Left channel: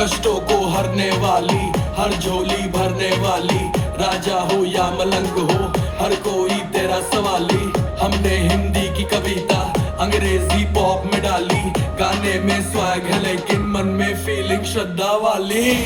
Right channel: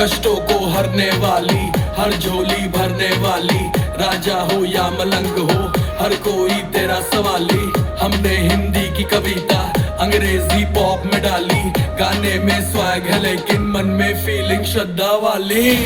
कष्टों को हरने वाली, हर झोली भरने वाली। राजा हो या मलंग हो, हर कोई तेरा सवाली। हमने हिंदी की कविता अंग्रेजी पॉप में डाली। गाने में स्वैग है लेकिन मन में फीलिंग श्रद्धा वाली।